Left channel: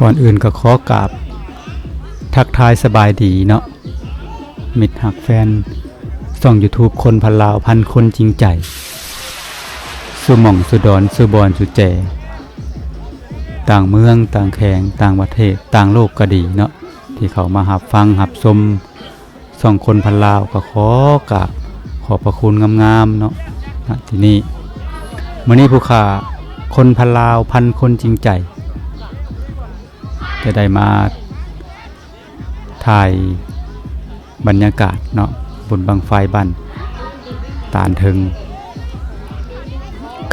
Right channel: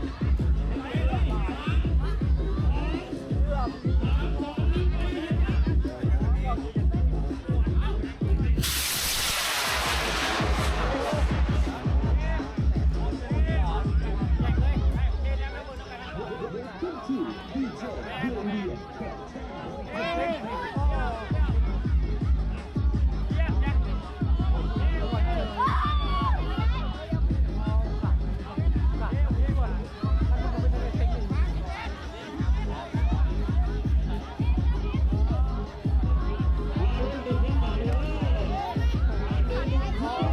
ก่อนอื่นก็ขอกราบทักทายสบายดีเนาะมิตรหักแฟนส่อง YouTube คนพันลาวพันคนจริงใจสุหม่องสุดอนสุบอนสุแจต่างเมืองต่างแข่งต่างประเทศต่างโลกก็ดีเนาะที่เขามาหับฟังหับชมส่องคนพันลาวก็ขอกราบขอบพระคุณงามๆเนาะที่นี่มื้อนี้ผู้ข่าคนพันลาวพันคนจริงใจจะได้มาถ่ายบรรยากาศเนาะบนบังไฟบ้านตาลถึง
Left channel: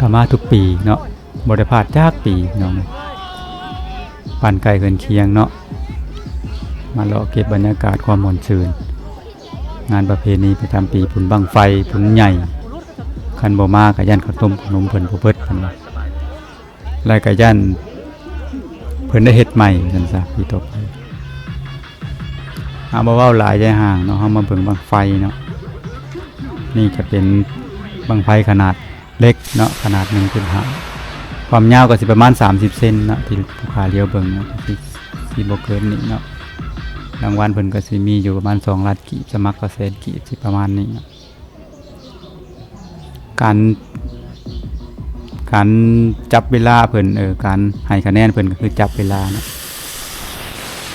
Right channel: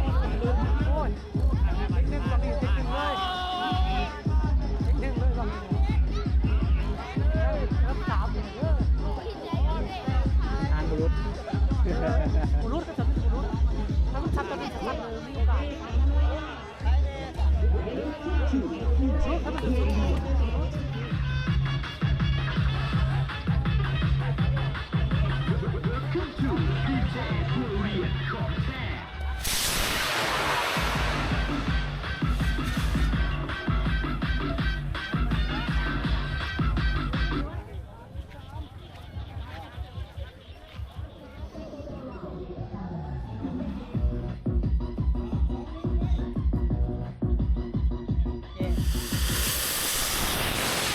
ก็มาทุกปีเนาะบ่ได้พลาดจากปีเนาะบ้านไกลเกินเคียงเนาะมาเลาะเก็บบรรยากาศความม่วนซื่นงานประเพณีประจำปีบุญบังไฟบุญใหญ่คันบ่มาก็ยันข้าวต้มขนมเพิ่นบ่เบิดรายก็ยันเพิ่นได้เฮ็ดใหม่นั่นซะพี่ตกบ่เว้าหลายใจห่างเนาะเฮามาเบิ่งบังไฟเนาะนี่ก็เป็นบังไฟขนาดเล็กเนาะขนาด1.5ความยาวก็สิประมาณ30เซนเนาะที่ขาเดียวเบิ่งเนาะที่บ่เกินนี้เนาะรางวัลเพิ่นก็สิมีอยู่ประมาณ2ล้านกีบสมัครก็แสนกีบสิประมาณนี้การจับเวลาเพิ่นการให้คะแนนเพิ่นก็คือจับเวลา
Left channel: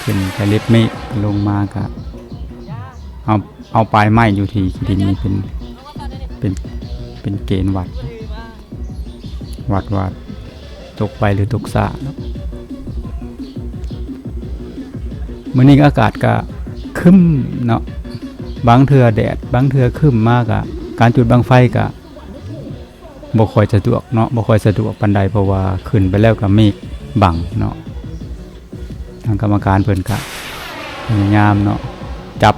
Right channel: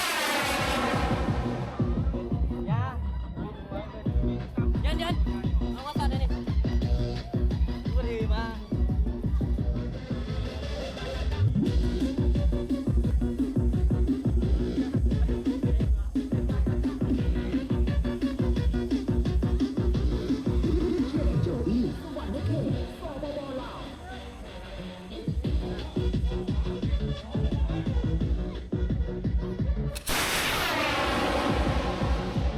เป็นกระเล็ดเมฆลงมาก็เอาปลายไม้อยู่ที่ดินนี่เป็นเกณฑ์วัดตกไปหรือตกสะมื้อนี้อากาศก็ครึ้มเนาะบางเทื่อแดดบางเทื่อครึ้มมากอ่ะการจุดบังไฟก็บ่ค่อยสะดวกเนาะบ่ค่อยสะดวกปานใดเพราะว่าขึ้นไปแล้วก็เมฆบังเนาะทางกรรมการเพิ่นก็พยายามเนาะจับ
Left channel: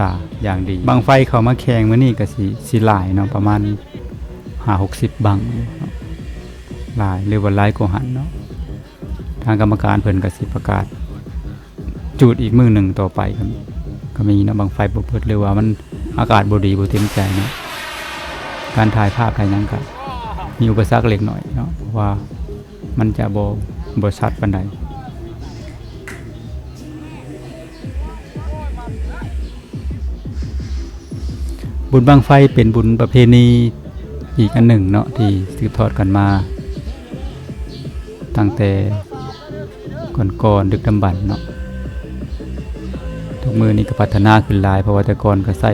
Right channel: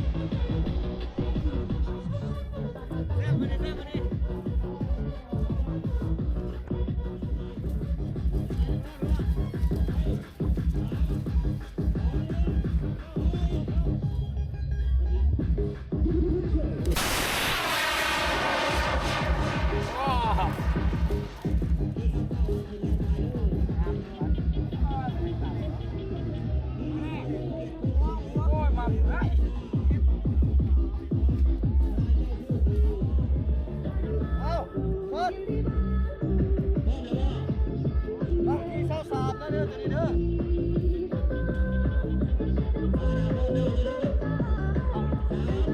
ตาอย่างดีบังไฟเข้ามาแข่งมื้อนี้ก็สิหลายเนาะประมาณ5-60บังหลายหรือว่าหลายกว่าหันเนาะทางกรรมการเพิ่นก็สิประกาศจุดอีกมื้อหนึ่งต่อไปก็มีเนาะบังไฟบ่เปิดหรือว่ามันอากาศบ่ดีบ่เต็มใจการถ่ายภาพภายในกันมีอุปสรรคเล็กน้อยเนาะว่ามันจะบ่ชัดปานใดบุญบังไฟเป็นบุญประเพณีอีกอันหนึ่งเนาะที่สืบทอดกันมาตั้งแต่ก่อนดึกดำบรรพ์เนาะทุกมื้อนี้ก็พัฒนาขึ้นหลายเพราะว่าแต่ก่อนก็ใช้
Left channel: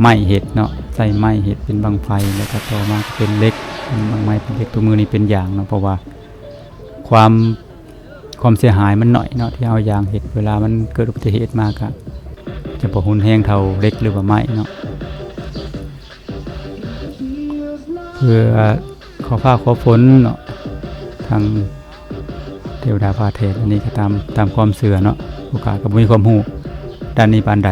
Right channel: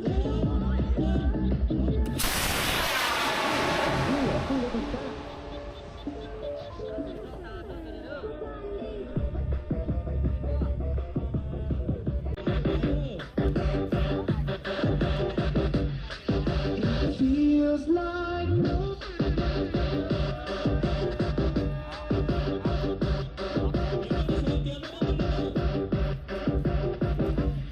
ไม้เฮ็ดเนาะใช้ไม้เฮ็ดเป็นบังไฟแล้วก็ต่อมาเป็นเหล็กไม้เป็นเหล็กตัวมือนี้เป็นยางเนาะเพราะว่าความเสียหายมันน้อยเนาะที่เอายางเฮ็ดเวลามันเกิดอุบัติเหตุมาก็จะบ่หุนแรงเท่าเหล็กหรือว่าไม้เนาะเพื่อขอฟ้าขอฝนเนาะทางเทวดาฟ้าเทพนี่ก็ตามความเชื่อเนาะโอกาสก็บ่มีความรู้ด้านนี้ปานใด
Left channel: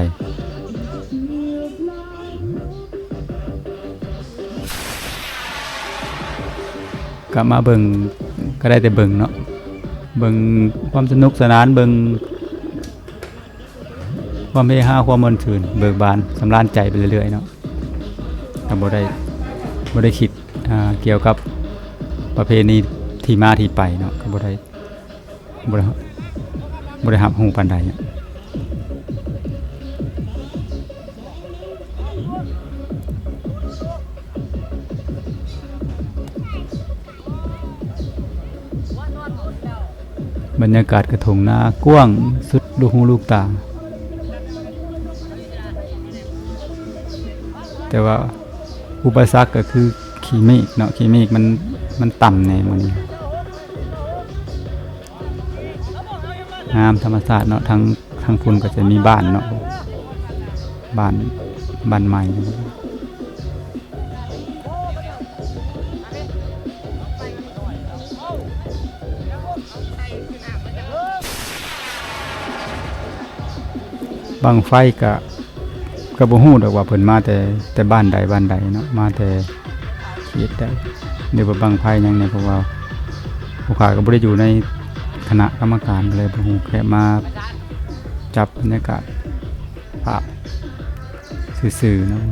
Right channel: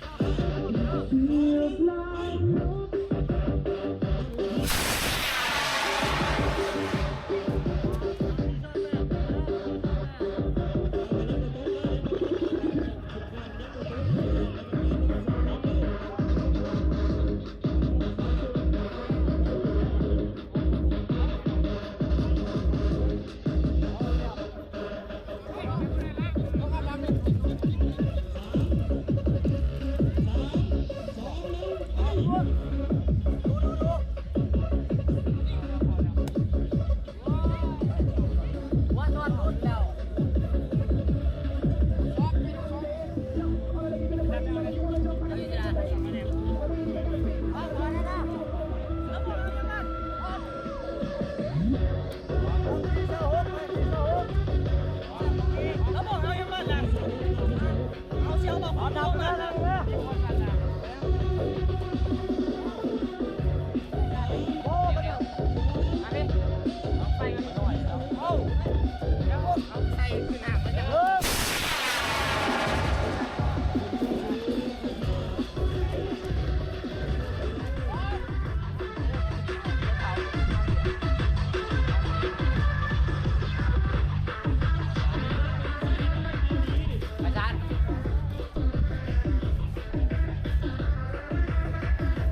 ก็มาเบิ่งก็ได้แต่เบิ่งเนาะเบิ่งความสนุกสนานเบิ่งความเฮฮาความม่วนชื่นเบิกบานสำราญใจไปเรื่อยๆเนาะก็บ่ได้คิดเกี่ยวกับประเพณีที่มาที่ไปเนาะก็บ่ได้รับรู้ปานใดบรรยากาศกระทงนากว้างสุดลูกหูลูกตาแต่ว่าอุปสรรคก็คือขี้เมฆเนาะขี้เมฆมันต่ำแน่เลยงามธรรมชาติเนาะทั้งคนก็จะมีบ้านเนาะบ้านใหม่บังไฟก็บ่ฮู้ดอกว่าเพิ่นมาแต่บ้านใดเนาะมาแต่เขตใดหรือว่าบังไฟหยังเนี่ยเพราะว่าผู้ข่าก็บ่ได้อยู่ในคณะกรรมการเลยบ่ฮู้แค่มาจับบรรยากาศภาพซื่อๆนะ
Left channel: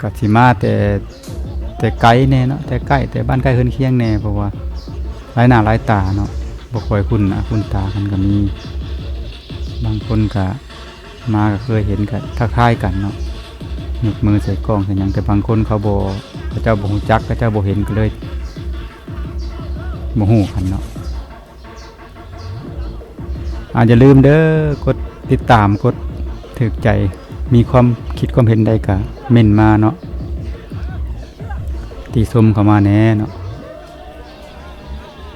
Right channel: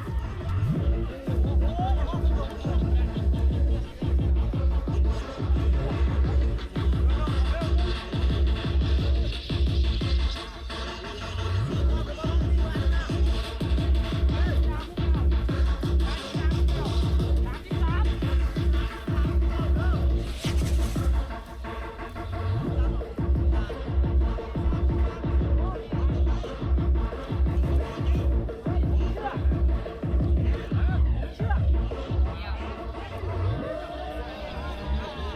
ก็สิมาแต่ แต่ไกลแน่เนาะแต่ใกล้แต่บ้านใกล้เฮือนเคียงแน่เพราะว่าหลายหน้าหลายตาเนาะบ่ค่อยคุ้นหน้าคุ้นตากันก็มีบางคนก็มาก็เคยเห็นก็ทักทายกันเนาะยกมือใส่กล้องใส่หยังแต่บางคนเขาเจ้าบ่รู้จักเจ้าบ่เห็นก็เลยบ่ฮู้กันเนาะอย่าลืมเด้อกดติดตามกดถูกใจมีความคิดความเห็นใดก็เม่นมาเนาะติชมเข้ามาแน่เนาะ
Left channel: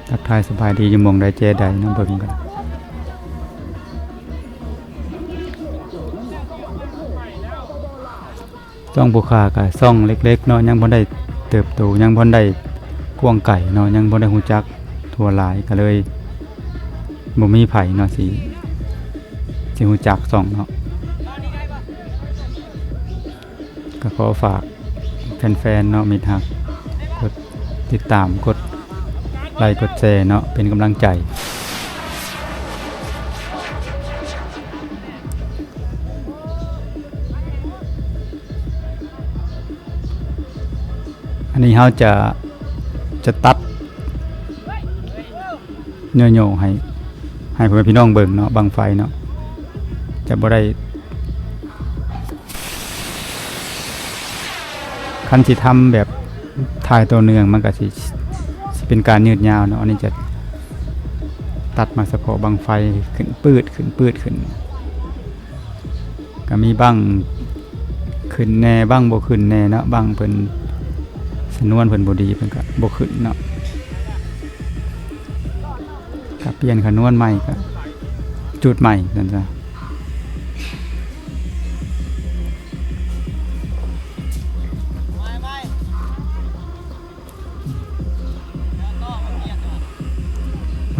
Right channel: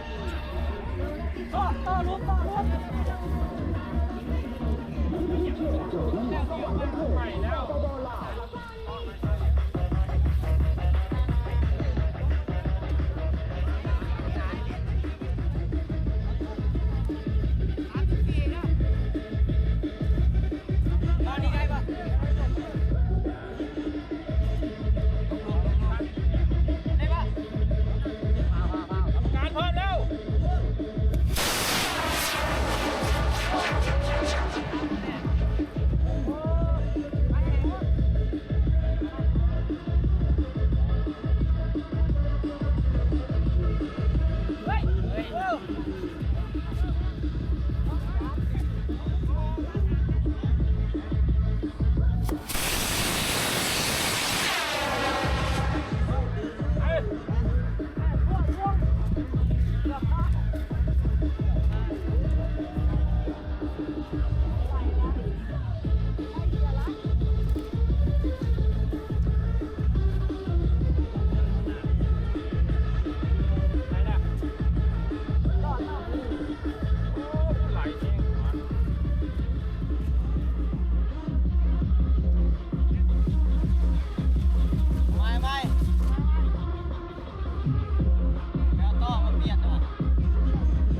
ทักทายสบายดีอยู่หม่องใดแจใดนำเบิ่งกันช่องผู้ค้าก็ช่องเล็กๆเนาะยังบ่ได้เติบโตยังบ่ได้กว้างไกลเนาะยังบ่ได้ฮู้จักทั่วหลายก็เลยบ่มีไผเนาะสิฮู้จักช่องเนาะก็ขอฝากแฟนๆเนาะมิตรฮักกดติดตามกดไลค์กดแชร์เนาะเป็นกำลังใจอันนี้เราจะตัดโยๆให้พ่อแม่พี่น้องเบิ่งเนาะบังไฟเนาะจะบ่ได้คันสิทำแบบถ่ายตัวเนืองมันก็สิเป็นการยืดยาวเนาะอันนี้จะตัดมาเฉพาะบังไฟขึ้นปืดขึ้นก็มีบังขึ้นแน่บังบ่ขึ้นแน่เนาะบังเพิ่นสนวนเพิ่นบ่ดีเพิ่นก็บ่ขึ้นเนาะก็เปลี่ยนขนวนใหม่ก็จุดใหม่นั่นจ้ะ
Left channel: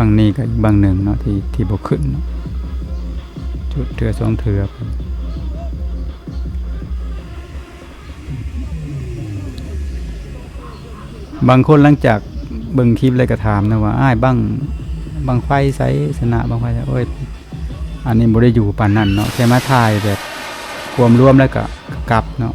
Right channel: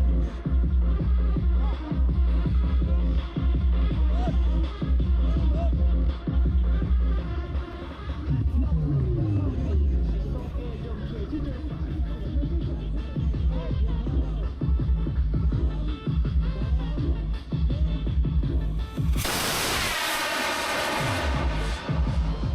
บางนี้ก็อีกบางหนึ่งเนาะที่บ่ขึ้นจุดเทือ2เทือบางคนหลังจากเบิ่งคลิปเลยก็ถามนะว่าอ้ายบังไฟไสชนะบังไฟโอ้ยอันนี้บ่ได้อยู่ปานนั้นเนาะแค่มาถ่ายแบบรวมแล้วก็กลับเนาะ